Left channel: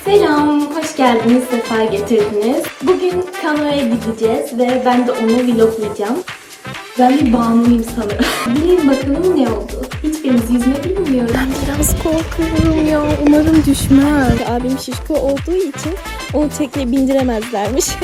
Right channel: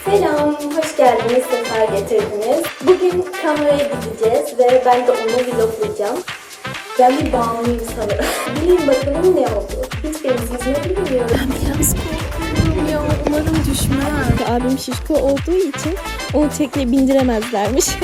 Selam, hoş geldiniz, sefa getirdiniz. Bugün Kano'ya gideceğiz ve ben de onu vloglayacağım. Ben bir bağımlıyım sanırım. Bilin bakalım ne oldu. Hiçbirimiz yüzme bilmiyoruz. Ben biraz korkuyorum ya. Umarım düşmez. Abim şişko olduğu için onu tekneye bindiremezlermiş.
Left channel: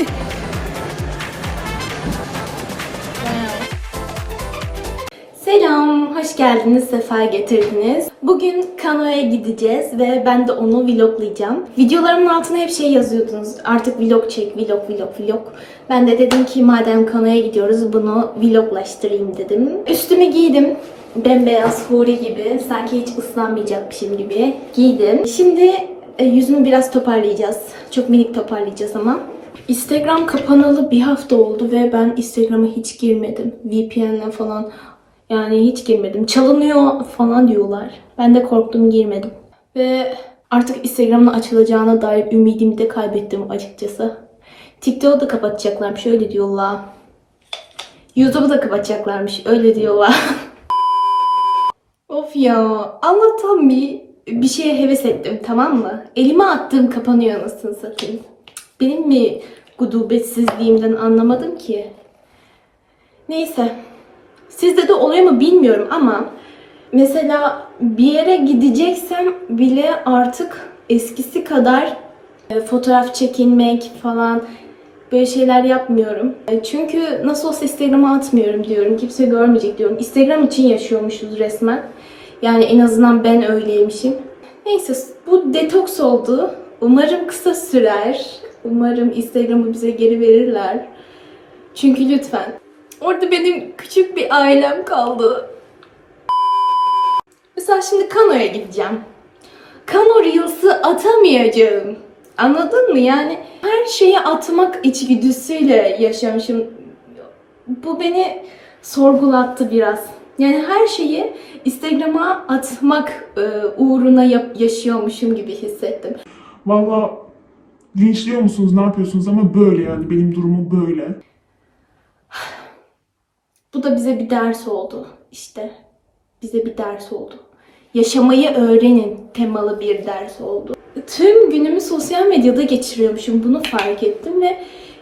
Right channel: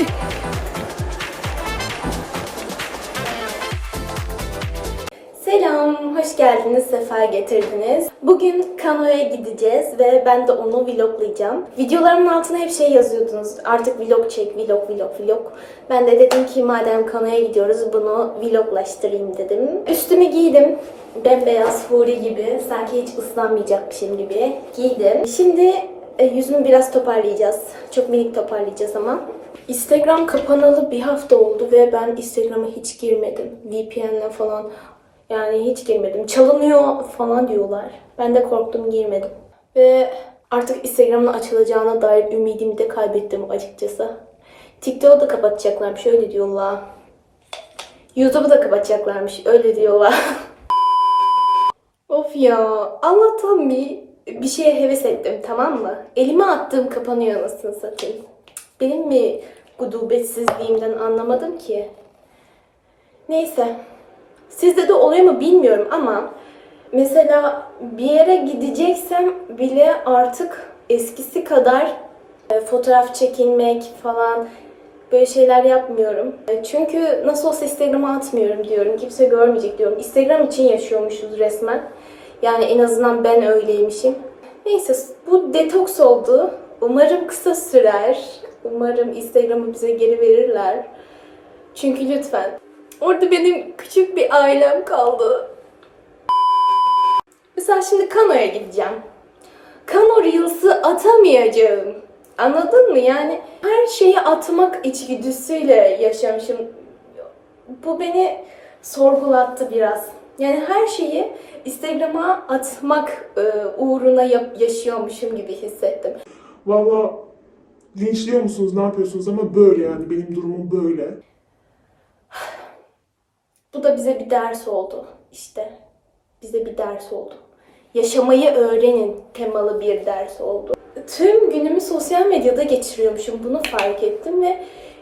Selam, hoş geldiniz, sefa getirdiniz. Bugün Kano'ya gideceğiz ve ben de onu vloglayacağım. Videolarımın altına hep şey yazıyordunuz. Artık vlog çek, vlog, vlog, vlog. Ben de dedim ki madem Kano'ya gidiyoruz bunu vloglaştırayım dedim. Üstümü giydim. Bembeyaz huri gibi. Sanki hiç ıslanmayacakmışım gibi giydim. Şimdi e, yüzümü biraz toparlayacağız. Çok minik toparlayacağız ama. Instagram kapanalı bir hafta oldu ve ben Instagram'a hiç girmedim. VPN'le falan yani hiç girmedim. Çalınıyor falan diyorlar. Ben de korktum girmedim. Ve artık Instagram'ın açılacağına dair ümidimi de kaybettim açıkçası. TikTok'u da kapatacaklarmış öyle diyorlar. YouTube'u da kapatacaklarmış öyle diyorlar. of ya Allah'tan bir bir şeye heves ettim tamam mı? Elime attığım kapanıyor anasını satayım. Benim mi gudubetsizliğimden anlamadım ki. Neyse. Sizde de oluyor mu bilmiyorum ama mesela bir yere gideceksem bile artık eskisi kadar e, fotoğraf çekinmek falan böyle şeyler yapmıyorum. E, Çünkü nasıl olsa Instagram'a atmıyorum diyorum. Kimse görmeyecek diyorum. Instagram için yaşıyormuşuz resmen. Yani en azından ben öyleymişim. Neyse bu detoks oldu. Umarım kısa sürer. Umarım Instagram'ı bize geri verirler. Çünkü lütfen. Orada benim küçük bir ailem kaldı. Mesela şimdi Kano'ya gideceğim. Kano Reels'ı atamayacağım. Anladın mı? Yani her şeyi atmak içgüdüsüyle yaşamışım. Bu beni sorgulattı biraz. Yani her şeyi Instagram'a atmak e, uğruna yaşıyormuşum gibi hissettim. Valla linçliyor musunuz ne yapıyorsunuz ama böyle yani benim durumum böyle. Bu da bize bir ders oldu. İşte bize bir ders oldu. Yaşamayı öğrenin temalı bir ders oldu. Tüm günümü sosyal medyada geçiriyormuşum. Bunu fark ettim ve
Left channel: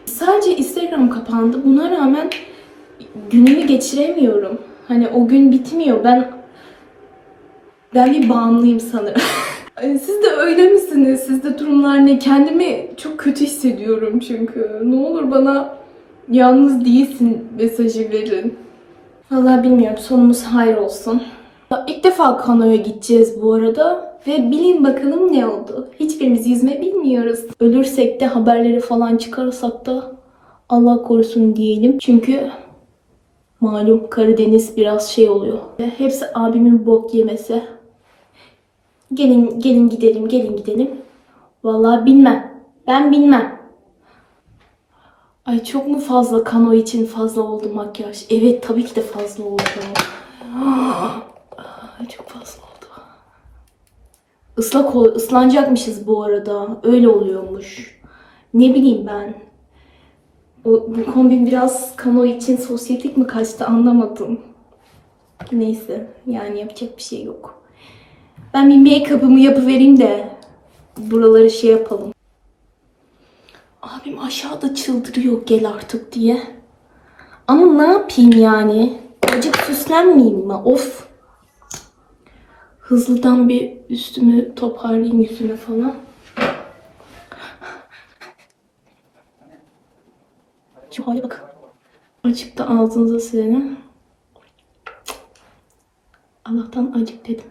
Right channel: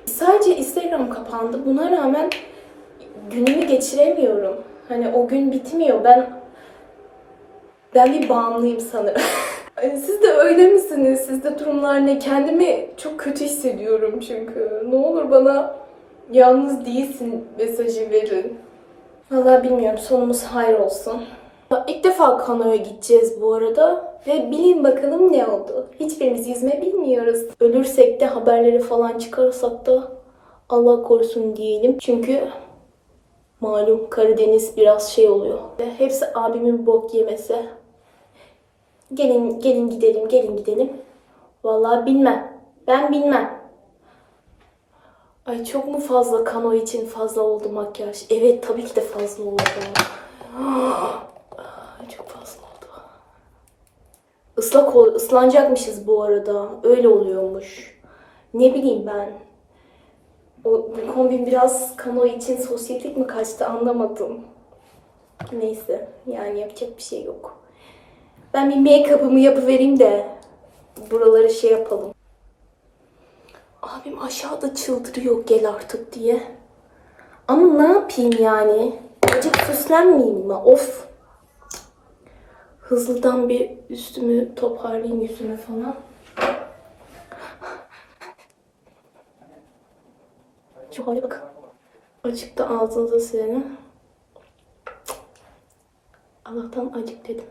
sadece Instagram kapandı. Buna rağmen günümü geçiremiyorum. Hani o gün bitmiyor. Ben ben bir bağımlıyım sanırım. Siz de öyle misiniz? Sizde durumlar ne? Kendimi çok kötü hissediyorum çünkü. Ne olur bana yalnız değilsin mesajı verin. Vallahi bilmiyorum. Sonumuz hayır olsun. İlk defa kanoya gideceğiz bu arada. Ve bilin bakalım ne oldu. Hiçbirimiz yüzme bilmiyoruz. Ölürsek de haberleri falan çıkarsak da Allah korusun diyelim. Çünkü malum Karadeniz biraz şey oluyor. Hepsi abimin bok yemesi. Gelin gelin gidelim gelin gidelim. Vallahi bilmem. Ben bilmem. Ay çok mu fazla kano için fazla oldu makyaj? Evet tabii ki de fazla oldu. Çok fazla oldu. Islak ol ıslanacakmışız bu arada. Öyle oluyormuş. Ne bileyim ben. O, bu kombin biraz kano için sosyetik mi kaçtı anlamadım. Neyse yani yapacak bir şey yok. Ben bir make-up'ımı yapıvereyim de buraları şey yapalım. Abim aşağıda çıldırıyor gel artık diye. Ama ne yapayım yani? Acık süslenmeyeyim mi? Of. Hızlıdan bir üstümü toparlayayım yüzümü falan. Şu hale bak. Acık da ağzınıza silelim. Allah'tan acık dedim.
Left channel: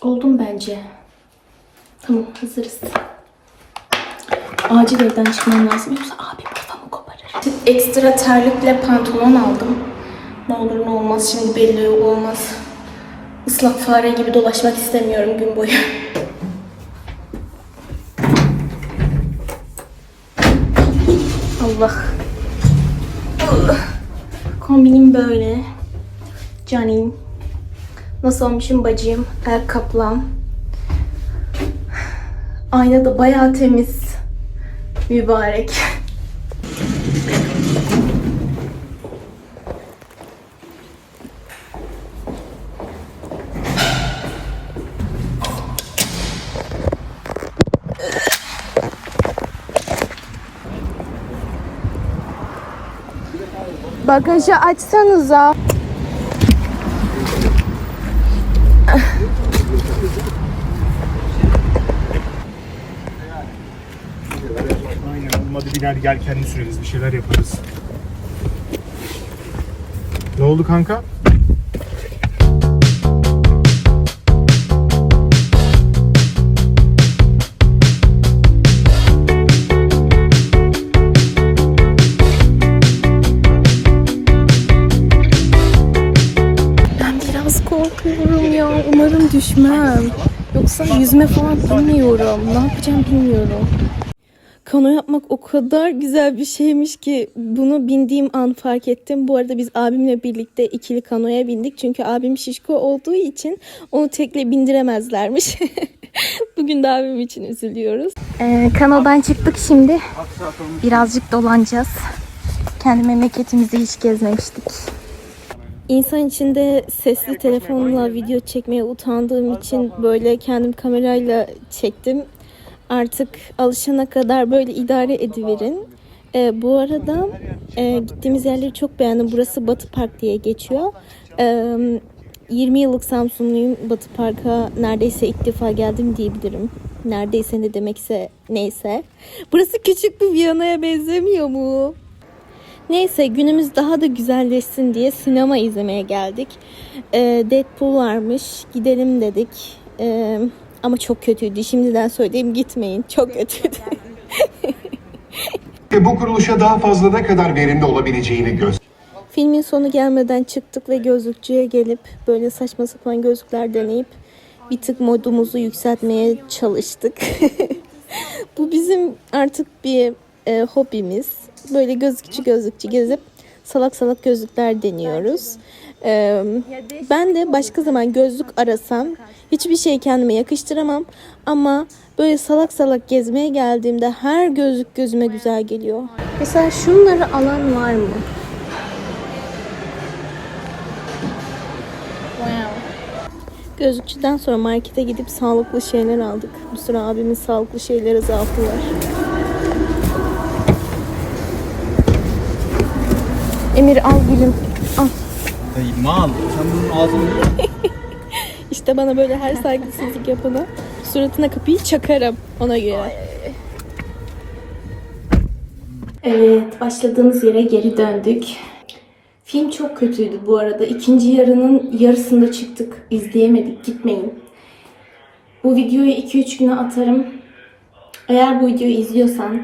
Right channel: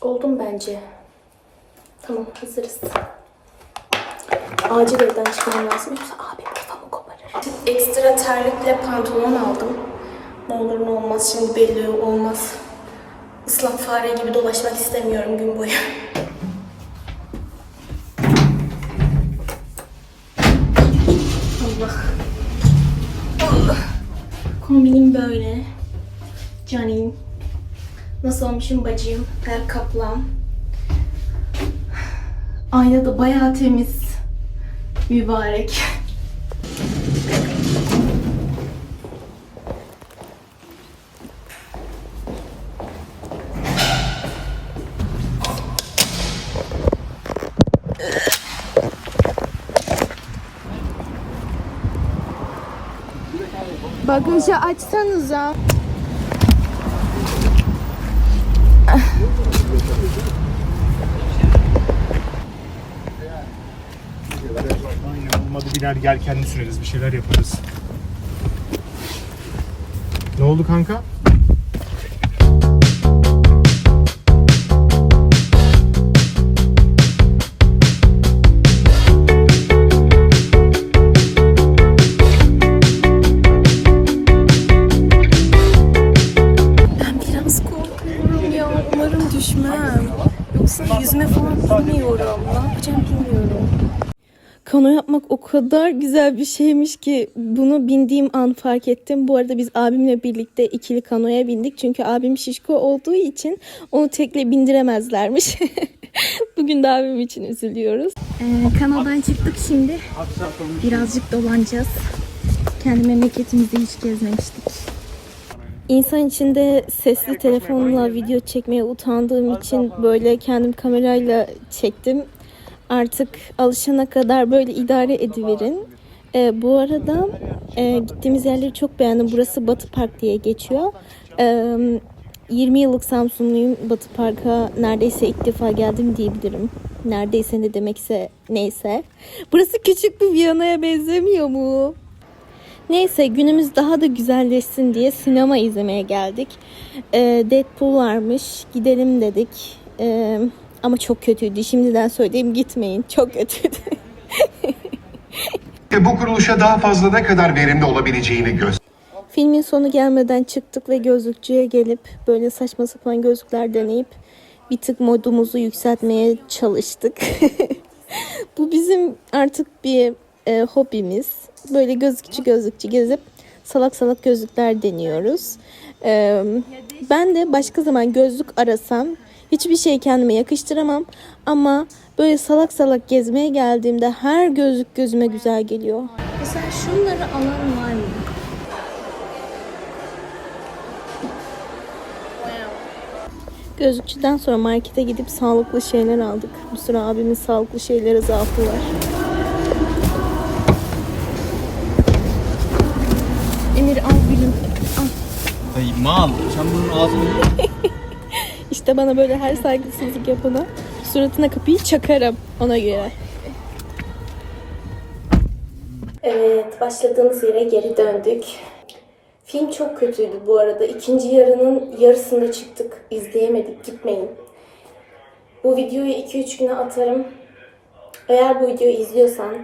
Oldum bence. Tamam hazırız. Acil evden çıkmam lazım yoksa abim kafamı koparır. Ekstra terlikle pantolon aldım. Ne olur ne olmaz şimdi belli olmaz. Islak fare gibi dolaşmak istemiyorum gün boyu. Allah. Allah. Kombinim böyle. Canim. Nasıl olmuşum bacım? El kaplan. Ayna da bayağı temiz mübarek. Bagajı açsanıza. Biner gel kendi süreriz bir şeyler yaparız. Ne oldu kanka? Korkuyorum ya. Umarım düşmem. Yoksa yüzme falan bilmiyorum. Ne yapacağım bilmiyorum. Kano yapmak o kadar güzel bir şeymiş ki bunu bindiğim an fark ettim. Bu arada biz abimle birlikte ikili kanoya bindik. Çünkü abim şişko olduğu için onu tekle bindiremezlermiş. Bugün de abim için üzülüyoruz. Ee, kanodan çıktık şimdi. Birazcık dolanacağız. Kendi memleketimizde hiç gezmemiştik. İnsan içinde sesli telefonla video çekmeye utandığım için böyle kendim kamerayla çektim. Artık alışana kadar böyle idare ediverin. Ee, bu arada e, gittiğimiz yerleri çok beğendim. Burası Batı Park diye geçiyor. Ee, 20 yıllık Samsunluyum. Batı Park'a neredeyse ilk defa geldim diyebilirim. Neredeyse ne demekse neyse. Burası küçük bir Viyana'ya benzemiyor mu? Neyse günümüz daha da güzelleşsin diye sinema izlemeye geldik. Ee, Deadpool varmış. Gidelim dedik. Ee, ama çok kötüydü. Şimdiden söyleyeyim gitmeyin. Çok kötüydü. ve bu kuruluşa daha fazla ne kadar verimli olabileceğini göster. Filmin sonu gelmeden çıktık ve gözlükçüye gelip böyle saçma sapan gözlükler deneyip bir tık modumuzu yükseltmeye çalıştık. Bu bizim artık bir e, hobimiz. Böyle gözlükçü gözlükçü gezip salak salak gözlükler deniyoruz. E, ben de başka zaman gözlük arasam hiçbir şey kendime yakıştıramam ama böyle salak salak gezmeye geldiğimde her gözlük gözüme güzel geliyor. Mesela şunları alan var mı? Gözlükçüden sonra markete gidip sağlıklı şeyler aldık. Bu sıra abimin sağlıklı şeylere zaafı var. Emir al gülüm. Al. Dayı mal. Sen bunun ağzını İşte bana böyle her saygısızlık yapana suratına kapıyı çakarım ona göre. Evet, başladığımız yere geri döndük. Film çok kötüydü bu arada. İkinci yarının yarısında çıktık. İzleyemedik. Gitmeyin. Bu videoyu 2-3 güne atarım. Eğer bu videoyu izliyorsan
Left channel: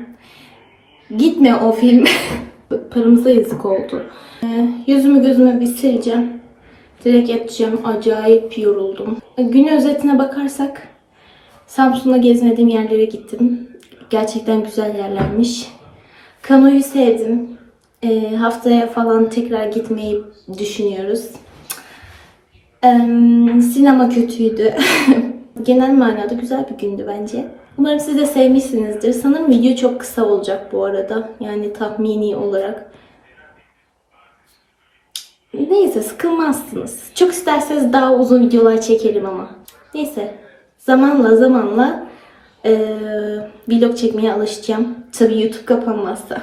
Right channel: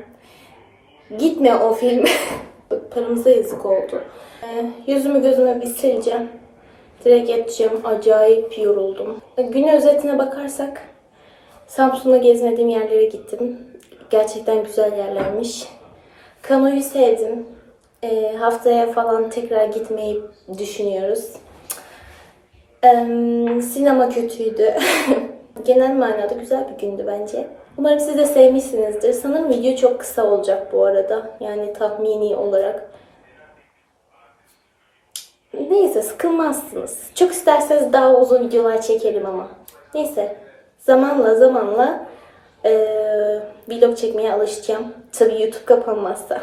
gitme o film. Paramıza yazık oldu. Ee, yüzümü gözümü bir sileceğim. Direkt yatacağım. Acayip yoruldum. Gün özetine bakarsak Samsun'da gezmediğim yerlere gittim. Gerçekten güzel yerlermiş. Kanoyu sevdim. Ee, haftaya falan tekrar gitmeyi düşünüyoruz. Ee, sinema kötüydü. Genel manada güzel bir gündü bence. Umarım siz de sevmişsinizdir. Sanırım video çok kısa olacak bu arada. Yani tahmini olarak. Neyse sıkılmazsınız. Çok isterseniz daha uzun videolar çekerim ama. Neyse. Zamanla zamanla eee, vlog çekmeye alışacağım. Tabii YouTube kapanmazsa.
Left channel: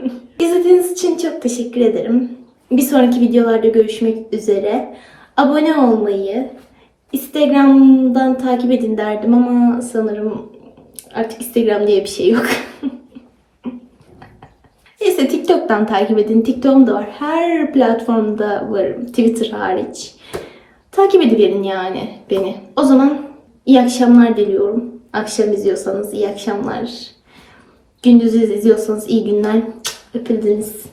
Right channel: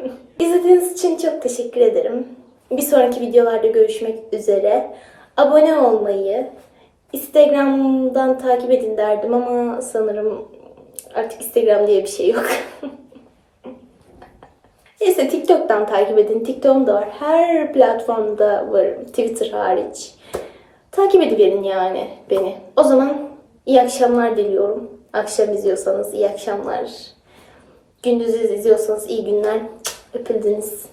İzlediğiniz için çok teşekkür ederim. Bir sonraki videolarda görüşmek üzere. Abone olmayı, Instagram'dan takip edin derdim ama sanırım artık Instagram diye bir şey yok. Neyse TikTok'tan takip edin. TikTok'um da var. Her platformda varım. Twitter hariç. Takip ediverin yani beni. O zaman iyi akşamlar diliyorum. Akşam izliyorsanız iyi akşamlar. Gündüz izliyorsanız iyi günler. Öpüldünüz.